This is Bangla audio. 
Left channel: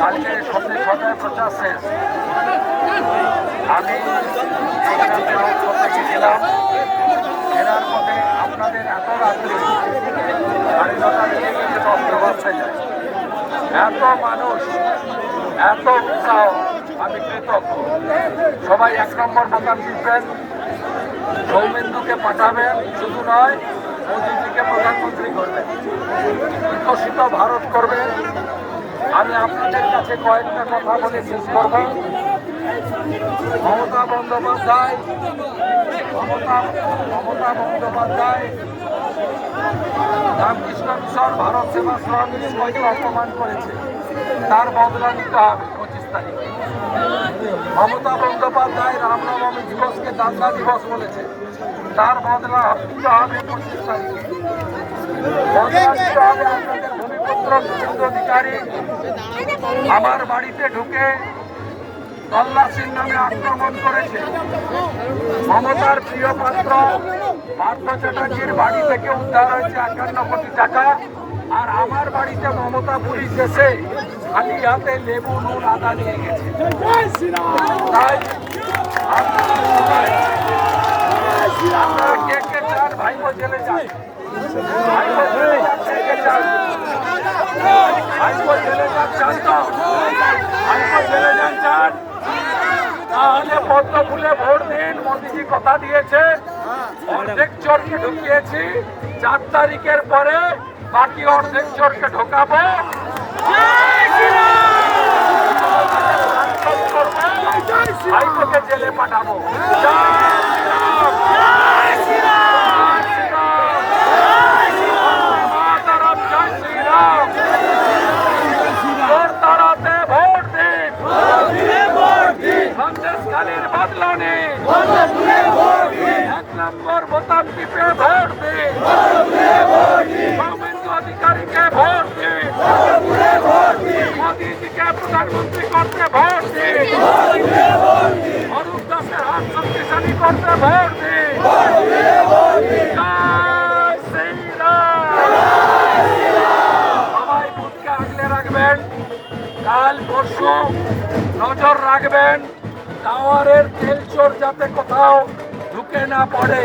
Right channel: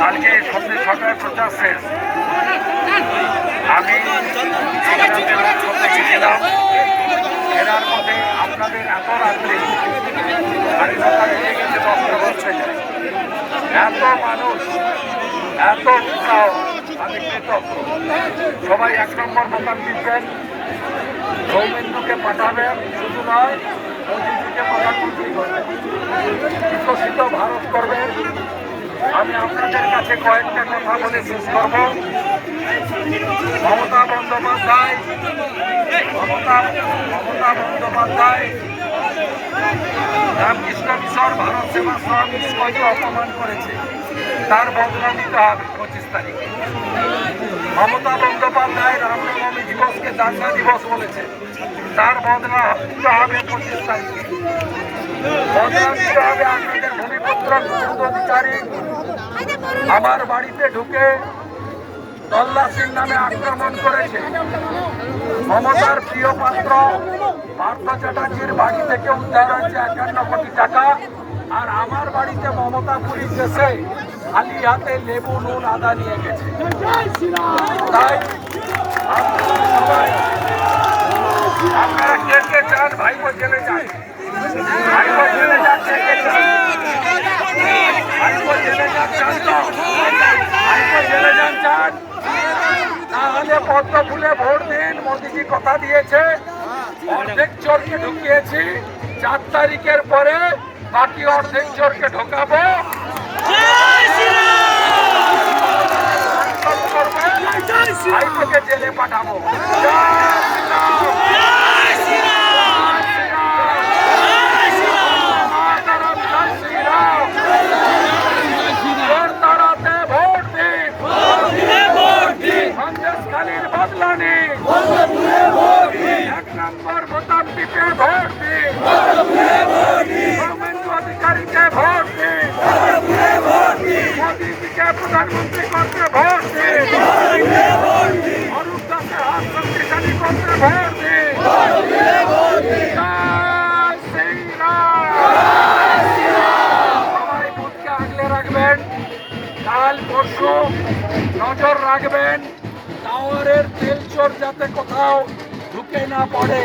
কালকে সন্ধ্যে ছটায় প্রচার শেষ। আমি করতে গেছিলাম ফেরার পথে আপনাদের এত রাত্রে স্বাধীনতা লেগে গেছে দশটা বাজতে এত মানুষ, এত উৎসাহ, আমি কৃতজ্ঞ। সবাই এক নম্বর বোতাম টিপবেন। সৌমেন্দুকে পাঠাবেন, শুধু নয়, মোদীজিকে প্রধানমন্ত্রী করবেন। বিকশিত ভারত করবেন। আমি আপনাদের কাছে কয়েকটা কথা বলে শেষ করব। মমতা বন্দ্যোপাধ্যায়, মমতা মমতা বন্দ্যোপাধ্যায়, রামকৃষ্ণ মিশন, ভারত সেবাশ্রম স্কুলকে অপমান করেছে। তার বদলা নিতে হবে পঁচিশ তারিখে। মমতা বন্দ্যোপাধ্যায় রামনবমী দিবসকে দাঙ্গা দিবস বলেছে। তার বদলা নিতে হবে পঁচিশ তারিখে। বদলা নিতে হবে আপনাদের অধিকারী। আমার বাড়িতে ঢুকে তল্লাশির নামে আক্রমণ করেছে। মমতার প্রিয় পাত্র পার্থ চ্যাটার্জির বাড়ি থেকে উদ্ধার হয়েছে একান্ন কোটি টাকা। আর আমার বাড়িতে মমতা পুলিশ এসে খালি হাতে লেবু, নুন, আদা নিয়ে গেছে। তাই আপনারা কে কে চান? ভাইপো জেলে যান। ভাইপো জেলে যান, কে কে চান? জেলে যান চান তাহলে পদ্ম ফুলে ভোট দিন মোদিজি কথা দিয়েছে। অর্ধেক চোরকে ঢুকিয়েছি চার তারিখের পরে বাকি অর্ধেক চোরকে ঢোকাবো। জেলে পাঠাবো। এক নম্বর বোতাম টিপে ভোট দিন। সৌমেন্দু অধিকারীকে ভোট দিন। মোদীজিকে প্রধানমন্ত্রী করতে ভোট দিন। অরূপ দাসের হাত শক্তিশালী করতে ভোট দিন। সবাই বুথকে আগলে রাখবেন। কাল পরশু নজর রাখবেন। টাওয়ারের তেল চোর যাতে কোথাও ঢুকে না পড়ে।